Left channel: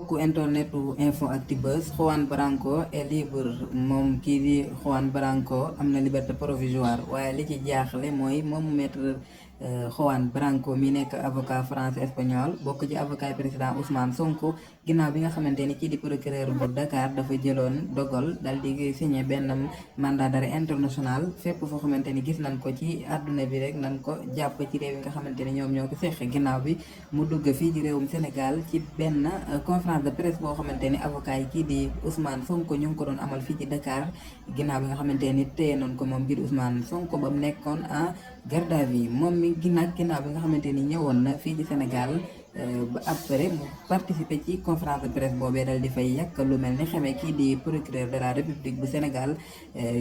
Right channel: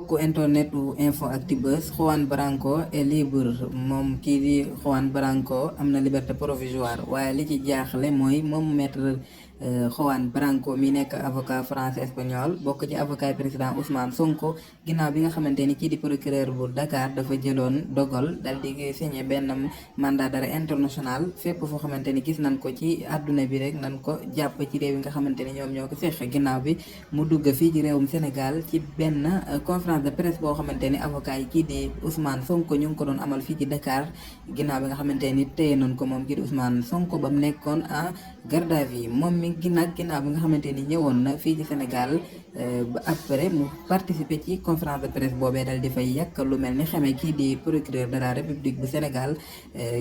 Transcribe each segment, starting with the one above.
mbokku internetu Info-Actu Buzz, Juan Branco est libre. Moom kii di Juan Branco am na liberté provisoire waaye li ci jaaxle mooy moom maître Juan Branco mi nekk avocat français espagnol bokk ci avocat président Ousmane Sonko ginnaaw bi nga xamante ni kii di procureur bu Dakar dafa jëloon dogal dal di signé benn mandat d'arrêt international fépp foo xamante ni gis nañ ko ci àdduna bi rek nan ko jàpp ci réew yi nga xamante ni ñoom ñoo ko seq ginnaaw bi mu dugg fii ci réewum Sénégal ci benn conférence de presse boo xamante ni avocat yi kii di Ousmane Sonko ñu ngi ko doon amal fii ci Dakar ginnaaw bi nga xamante ni téye noonu ko moom kii di Ousmane Sonko ba mu nekkoon en garde à vue moom mi ginnaaw bi nga xamante ni ñëwoon na fii ci Sénégal ba après mu participer ci conférence de presse boobee dal di fay yàq lu mel ni xamee kii di procureur de la République bu Sénégal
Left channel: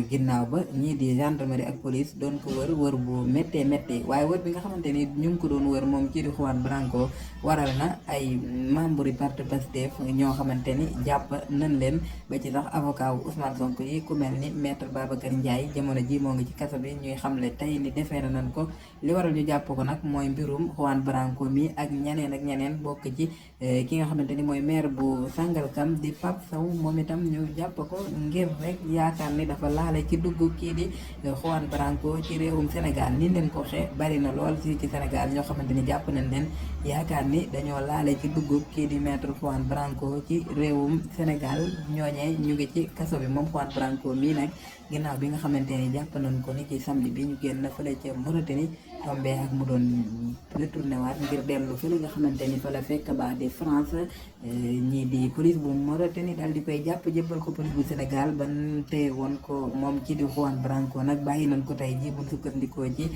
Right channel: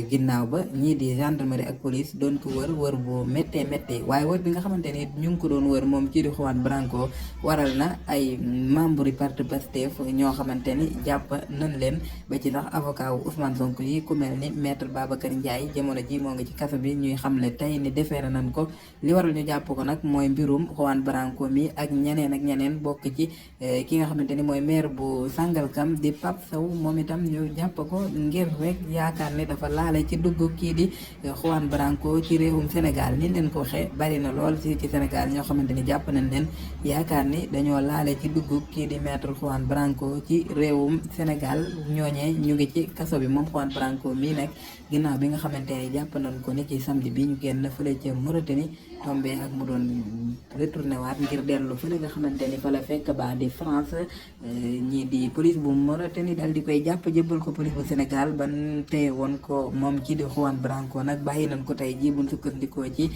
ginnaaw ba ñii di gendarmerie ak police doon ko wër bu méttee waaye wër bi nga xamante ni ñu ngi ko doon wër moom kii di Juan Branco waral na ay membre yi parti Pastef ñoo xamante ni jàpp nañ leen ba ci sax avocat wu Ousmane Sonko yi ku mel ni maître Babacar Ndiaye jamono ji moo ngi ci kaso bi ñuy xamle tey ni defeere nañ ko li waral ñu jàpp ko nag mooy mbirum Juan Branco mi ak ñeneen bokk ci ki nga xamante ni mooy maire bu Sangalkam di Pape Sow moom itam ñu jàpp ko ngir rek yaakaar ni dafa laale ci dugg kii di Juan Branco ci réewum Sénégal ni leen ko waxee bari na lool ci Sénégal ñoo xamante ni jàpp nañ leen yaakaar ni dañoo laale ci dugg kii di maître Juan Branco ci réewum Sénégal ñooñee ñu ngi ci kaso bi moom Juan Branco mii nag ginnaaw bi nga xamante ni jàpp nañ ko ni ci samedi bi ñu génn fële ci Mauritanie tombé ak mu doon retourné waat ngir dellu fële nga xamante ni fa la fekk baax di France ñii di police bu Mauritanie daal di koy jàpp jëbbal ko police bu Sénégal ban tey woon ko moom kii di Juan Branco nag bàyyi nañ ko tey jii buñ sukkandikoo ci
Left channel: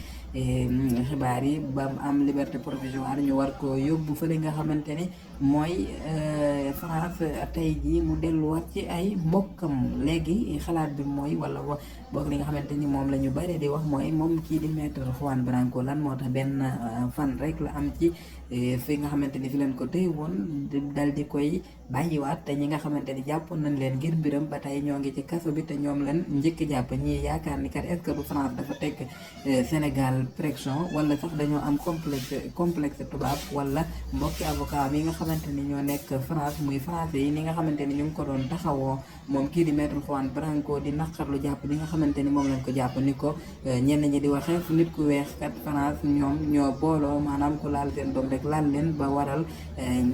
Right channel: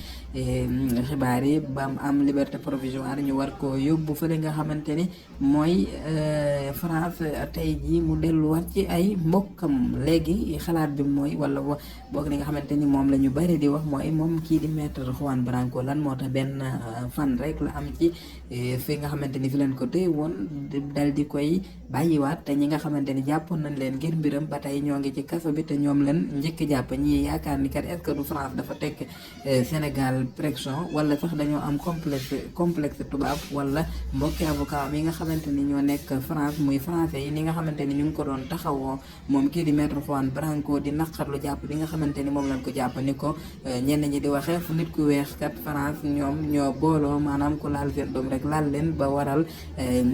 xibaar yi ba mu am liberté provisoire ñu war ko yóbbu fële nga xamante ni mooy France tey jii mu delluwaat ci ay mbokkam léegi xalaat bi mooy wala boog li nga xamante ni moom la ñu bari di wax mooy moom kii di maître Juan Branco lan moo tax benn fan rek la am ci fi nga xamante ni fi leen ko téye woon dal di koy bàyyiwaat te ñi nga xamante ni jàppoon nañ leen ngir mbiram ba tey ñoo ngi ci kaso bi te ñoom leen njëkk jàpp ñi yaakaar ni kat est-ce que du France dafa teg Sénégal pression wala sax dañoo am complexe tubaab wala mbokki avocat yi nga xamante ni ñoo nekk France muy français yi ni nga xamante ni ñu ngi ko doon taxawoo moom kii di maître Juan Branco di naqarlu jàpp bi nga xamante ni moom lañ ko jàpp ni ko ñenn ñi di waxee fu nit ku weex kat France ñoom ñoo booloo maanaam ku laal seen doom rek laal leen ba waral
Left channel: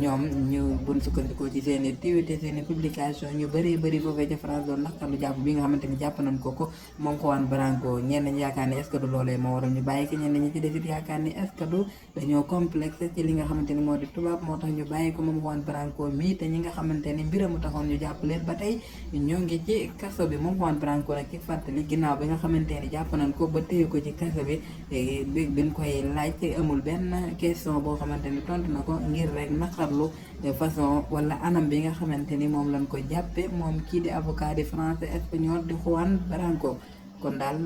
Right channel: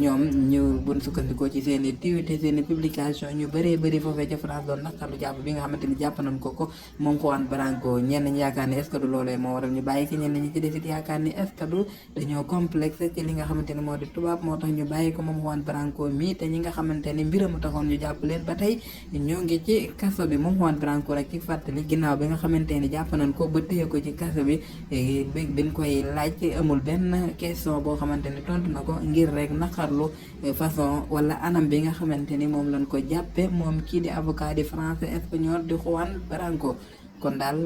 ñoom ñu buñ sukkandikoo ci seen i tiwite seen i publication ñu bëri foofee ci France doon naqarlu jàpp bi nga xamante ni jàpp nañ ko moom Juan Branco ñenn ñi yaakaar ni est-ce que du loolee moo waral ñu bàyyi ki ñenn ñi ci desit yaakaar ni est-ce que du dañoo complexe ci li nga xamante ni moo di tubaab moo tax ñu bàyyi ko moom Juan Branco mi te ñi nga xamante ni mbiram taxoon ñu jàpp leen ba tey ñoo ngi ci kaso bi moom Juan Branco nag ci fàttali ginnaaw bi nga xamante ni jàpp nañ ko ba téye ko ci kaso bi biñ koy laaj amul benn question boo xamante ni tontu na ko ngir rek naqarlu façon wala anam bi nga xamante ni moom lañ ko jàppe moom kii di avocat di français espagnol di Juan Branco kon daal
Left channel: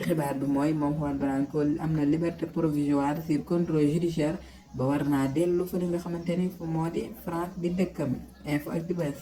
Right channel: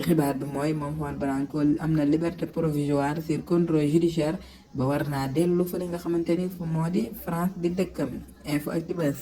xibaar bi mooy moom Juan Branco am na liberté provisoire sur contrôle judiciaire ba war naa dellu fa li nga xamante ni fu moo di France di dëkkam Info-Actu Buzz